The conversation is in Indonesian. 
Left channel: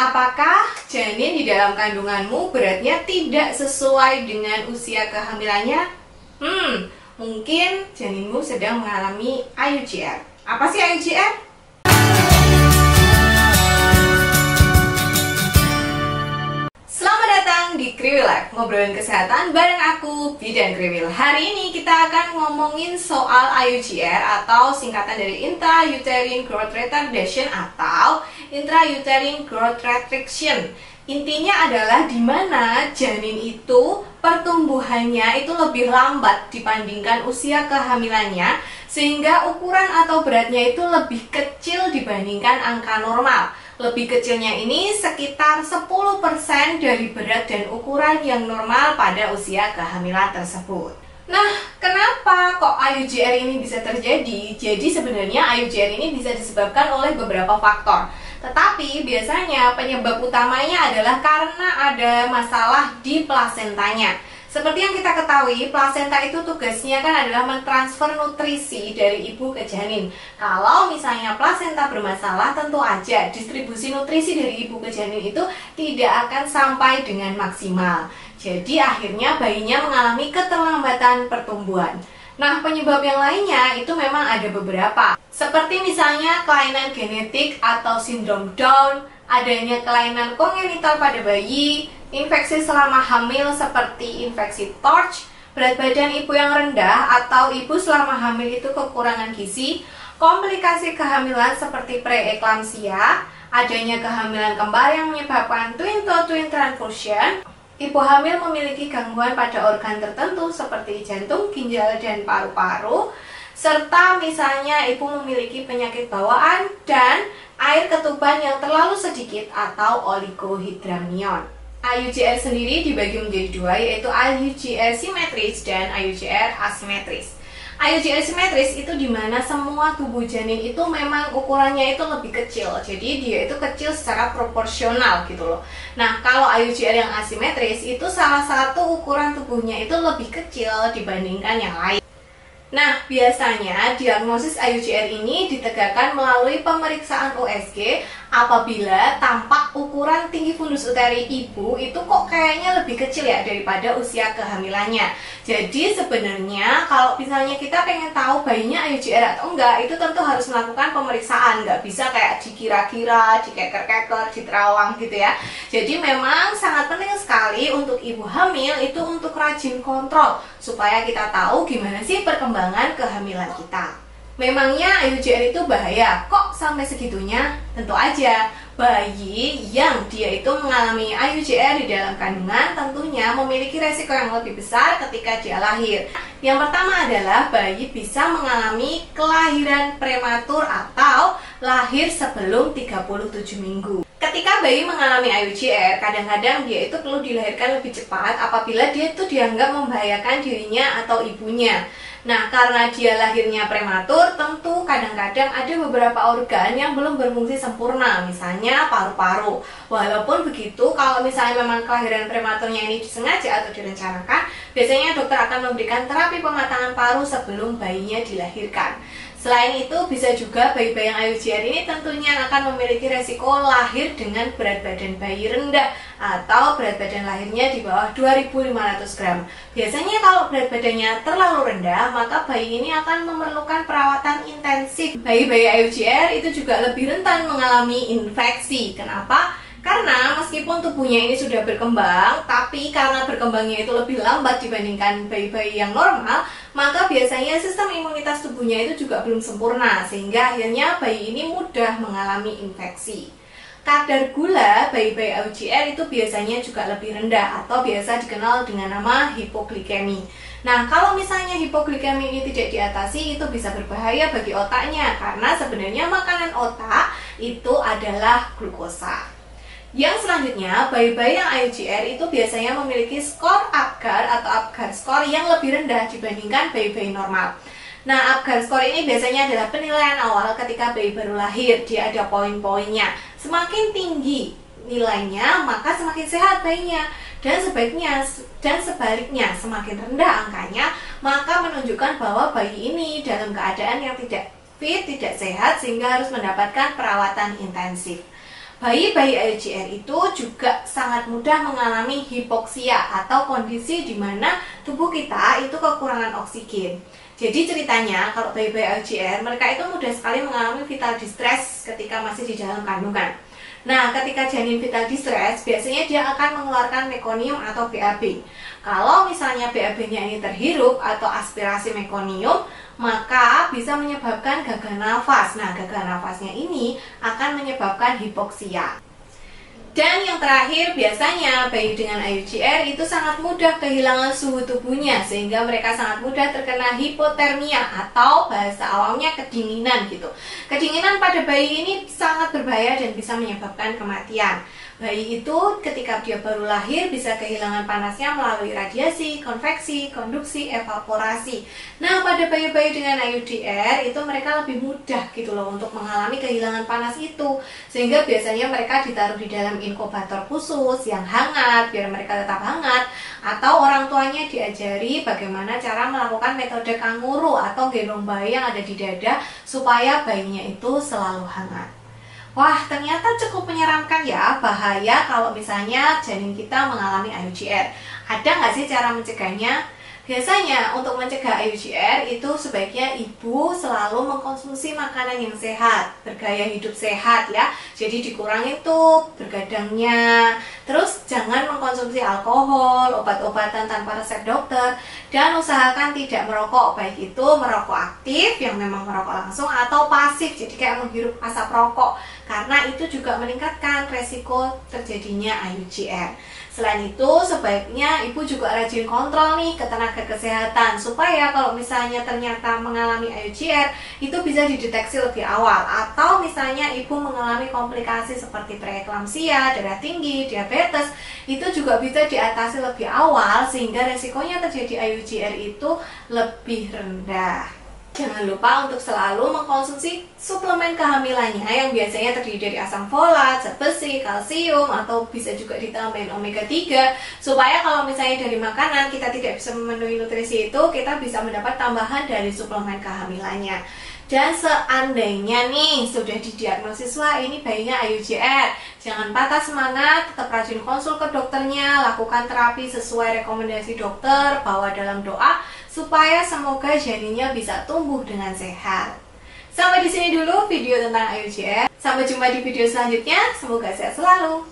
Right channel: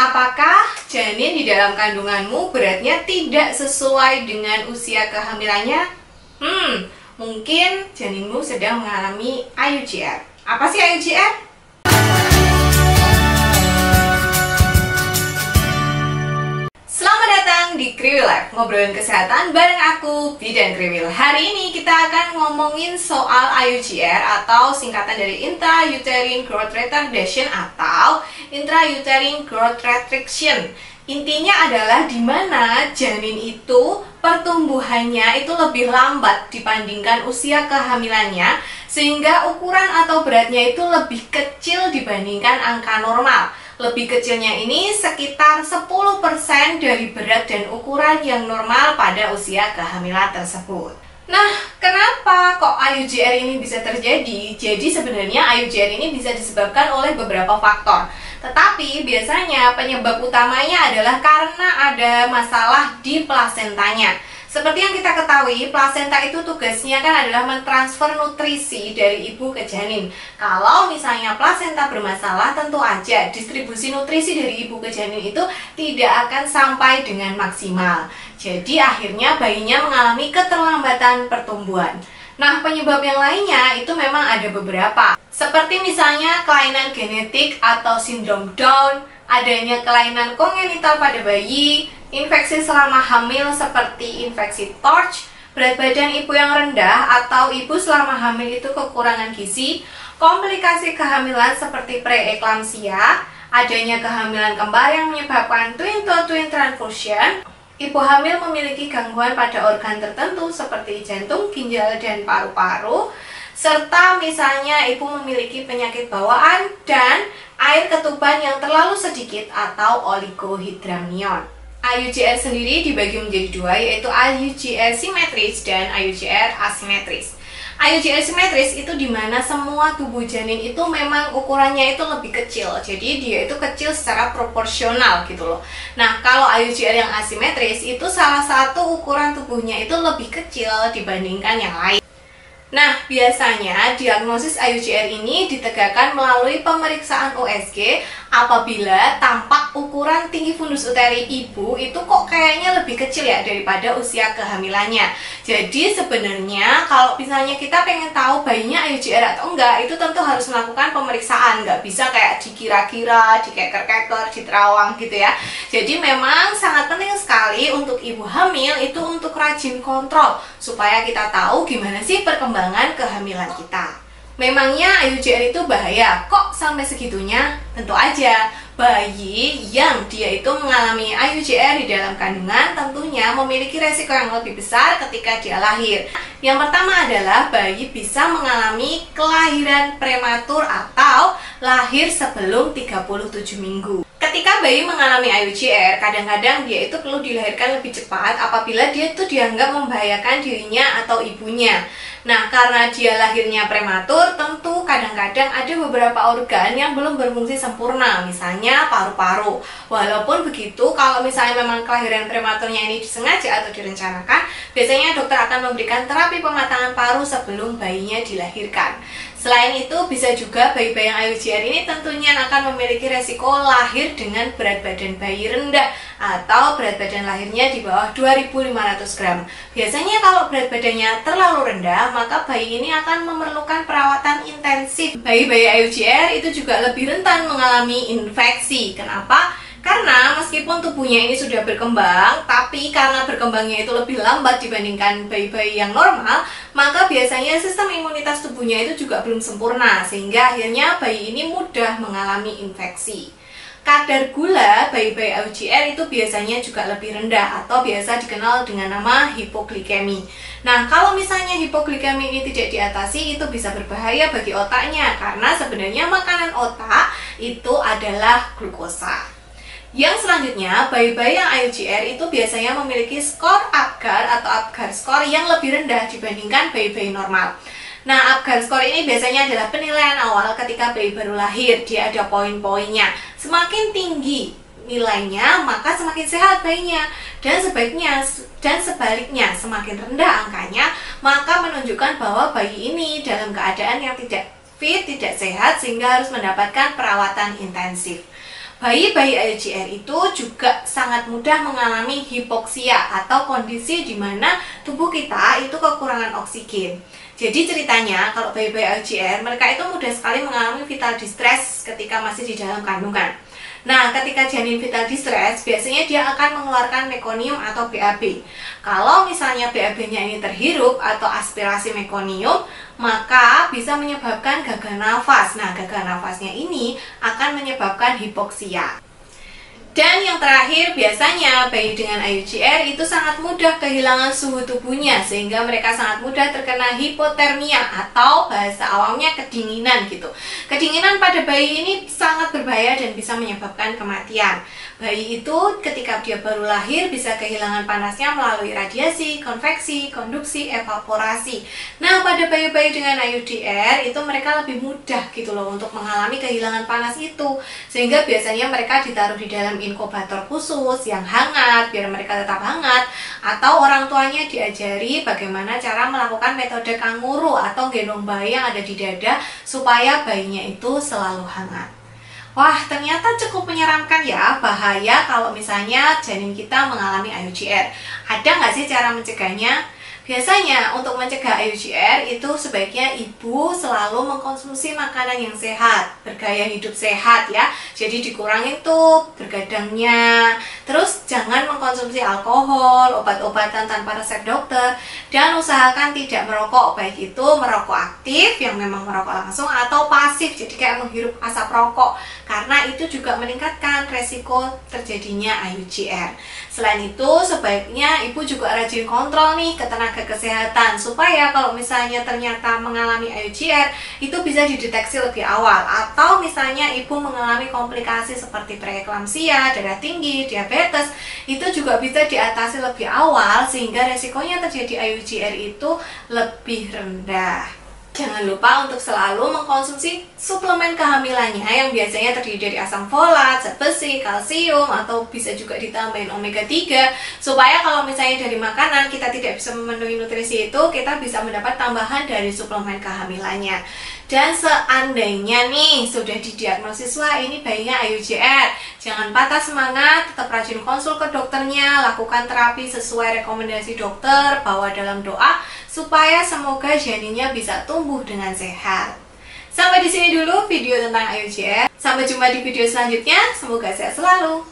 Apakah janin di dalam kandunganmu beratnya tidak sesuai dengan usia kehamilannya? Mungkin janinmu sedang mengalami IUGR. Apa sih IUGR? Selamat datang di Kriwil Life, ngobrolin kesehatan bareng aku, Bidan Kriwil. Hari ini kita akan ngomongin soal IUGR atau singkatan dari Intrauterine Growth Retardation atau Intrauterine Growth Restriction. Intinya adalah di mana janin itu pertumbuhannya itu lebih lambat dibandingkan usia kehamilannya, sehingga ukuran atau beratnya itu lebih kecil dibandingkan angka normal. Lebih kecilnya ini sekitar 10% dari berat dan ukuran yang normal pada usia kehamilan tersebut. Nah, kenapa kok IUGR ini bisa terjadi? Jadi sebenarnya IUGR ini bisa disebabkan oleh beberapa faktor. Tetapi biasanya penyebab utamanya adalah karena ada masalah di plasentanya. Seperti yang kita ketahui, plasenta itu tugasnya kan adalah mentransfer nutrisi dari ibu ke janin. Kalau misalnya plasenta bermasalah, tentu aja distribusi nutrisi dari ibu ke janin itu tidak akan sampai dengan maksimal. Jadi akhirnya bayinya mengalami keterlambatan pertumbuhan. Nah, penyebab yang lainnya itu memang ada beberapa. Seperti misalnya kelainan genetik atau sindrom Down, adanya kelainan kongenital pada bayi, infeksi selama hamil seperti infeksi TORCH, berat badan ibu yang rendah atau ibu selama hamil itu kekurangan gizi, komplikasi kehamilan seperti preeklamsia, adanya kehamilan kembar yang menyebabkan twin-to-twin transfusion, ibu hamil memiliki gangguan pada organ tertentu seperti jantung, ginjal, dan paru-paru, serta misalnya ibu memiliki penyakit bawaan dan air ketuban yang terlalu sedikit atau oligohydramnion. IUGR sendiri dibagi menjadi dua, yaitu IUGR simetris dan IUGR asimetris. IUGR simetris itu dimana semua tubuh janin itu memang ukurannya itu lebih kecil, jadi dia itu kecil secara proporsional gitu loh. Nah, kalau IUGR yang asimetris itu salah satu ukuran tubuhnya itu lebih kecil dibandingkan yang lain. Nah, biasanya diagnosis IUGR ini ditegakkan melalui pemeriksaan USG apabila tampak ukuran tinggi fundus uteri ibu itu kok kayaknya lebih kecil ya daripada usia kehamilannya. Jadi sebenarnya kalau misalnya kita pengen tahu bayinya IUGR atau enggak, itu tentu harus melakukan pemeriksaan, nggak bisa kayak dikira-kira, dikeker-keker, diterawang gitu ya. Jadi memang sangat penting sekali untuk ibu hamil itu untuk rajin kontrol supaya kita tahu gimana sih perkembangan kehamilan kita. Memangnya IUGR itu bahaya? Kok sampai segitunya? Tentu aja, bayi yang dia itu mengalami IUGR di dalam kandungan tentunya memiliki resiko yang lebih besar ketika dia lahir. Yang pertama adalah bayi bisa mengalami kelahiran prematur atau lahir sebelum 37 minggu. Ketika bayi mengalami IUGR, kadang-kadang dia itu perlu dilahirkan lebih cepat apabila dia itu dianggap membahayakan dirinya atau ibunya. Nah, karena dia lahirnya prematur, tentu kadang-kadang ada beberapa organ yang belum berfungsi sempurna, misalnya paru-paru. Walaupun begitu, kalau misalnya memang kelahiran prematurnya ini disengaja atau direncanakan, biasanya dokter akan memberikan terapi pematangan paru sebelum bayinya dilahirkan. Selain itu, bisa juga bayi-bayi yang IUGR ini tentunya akan memiliki resiko lahir dengan berat badan bayi rendah atau berat badan lahirnya di bawah 2.500 gram. Biasanya kalau berat badannya terlalu rendah, maka bayi ini akan memerlukan perawatan intensif. Bayi-bayi IUGR itu juga lebih rentan mengalami infeksi. Kenapa? Karena meskipun tubuhnya ini sudah berkembang, tapi karena berkembangnya itu lebih lambat dibandingkan bayi-bayi yang normal, maka biasanya sistem imunitas tubuhnya itu juga belum sempurna, sehingga akhirnya bayi ini mudah mengalami infeksi. Kadar gula bayi-bayi IUGR itu biasanya juga lebih rendah atau biasa dikenal dengan nama hipoglikemi. Nah, kalau misalnya hipoglikemi ini tidak diatasi, itu bisa berbahaya bagi otaknya karena sebenarnya makanan otak itu adalah glukosa. Yang selanjutnya, bayi-bayi yang IUGR itu biasanya memiliki skor APGAR atau APGAR score yang lebih rendah dibandingkan bayi-bayi normal. Nah, APGAR score ini biasanya adalah penilaian awal ketika bayi baru lahir. Dia ada poin-poinnya. Semakin tinggi nilainya, maka semakin sehat bayinya. Dan sebaliknya, semakin rendah angkanya, maka menunjukkan bahwa bayi ini dalam keadaan yang tidak fit, tidak sehat, sehingga harus mendapatkan perawatan intensif. Bayi-bayi IUCR itu juga sangat mudah mengalami hipoksia atau kondisi di mana tubuh kita itu kekurangan oksigen. Jadi ceritanya kalau bayi-bayi IUCR mereka itu mudah sekali mengalami vital distress ketika masih di dalam kandungan. Nah, ketika janin vital distress, biasanya dia akan mengeluarkan mekonium atau BAB. Kalau misalnya BAB-nya ini terhirup atau aspirasi mekonium, maka bisa menyebabkan gagal nafas. Nah, gagal nafasnya ini akan menyebabkan hipoksia. Dan yang terakhir, biasanya bayi dengan IUCR itu sangat mudah kehilangan suhu tubuhnya sehingga mereka sangat mudah terkena hipotermia atau bahasa awamnya kedinginan gitu. Kedinginan pada bayi ini sangat berbahaya dan bisa menyebabkan kematian. Bayi itu ketika dia baru lahir bisa kehilangan panasnya melalui radiasi, konveksi, konduksi, evaporasi. Nah, pada bayi-bayi dengan IUCR itu mereka lebih mudah gitu loh untuk mengalami kehilangan panas itu. Sehingga biasanya mereka ditaruh di dalam inkubator khusus yang hangat biar mereka tetap hangat, atau orang tuanya diajari bagaimana cara melakukan metode kanguru atau gendong bayi yang ada di dada supaya bayinya itu selalu hangat. Wah, ternyata cukup menyeramkan ya, bahaya kalau misalnya janin kita mengalami IUCR. Ada nggak sih cara mencegahnya? Biasanya untuk mencegah IUCR itu sebaiknya ibu selalu mengkonsumsi makanan yang sehat, bergaya hidup sehat ya. Jadi dikurangin tuh bergadangnya. Terus jangan mengkonsumsi alkohol, obat-obatan tanpa resep dokter, dan usahakan tidak merokok, baik itu merokok aktif yang memang merokok langsung atau pasif, jadi kayak menghirup asap rokok, karena itu juga meningkatkan resiko terjadinya IUCR. Selain itu, sebaiknya ibu juga rajin kontrol nih ke tenaga kesehatan supaya kalau misalnya ternyata mengalami IUCR itu bisa dideteksi lebih awal, atau misalnya ibu mengalami komplikasi seperti preeklamsia, darah tinggi, diabetes, itu juga bisa diatasi lebih awal sehingga resikonya terjadi IUCR itu lebih rendah. Jangan lupa untuk selalu mengkonsumsi suplemen kehamilannya yang biasanya terdiri dari asam folat, zat besi, kalsium, atau bisa juga ditambahin omega 3 supaya kalau misalnya dari makanan kita tidak bisa memenuhi nutrisi itu, kita bisa mendapat tambahan dari suplemen kehamilannya. Dan seandainya nih sudah didiagnosis, wah ini bayinya IUCR, jangan patah semangat, tetap rajin konsul ke dokternya, lakukan terapi sesuai rekomendasi dokter, bawa dalam doa supaya semoga janinnya bisa tumbuh dengan sehat. Sampai di sini dulu video tentang IUCR. Sampai jumpa di video selanjutnya. Semoga sehat selalu.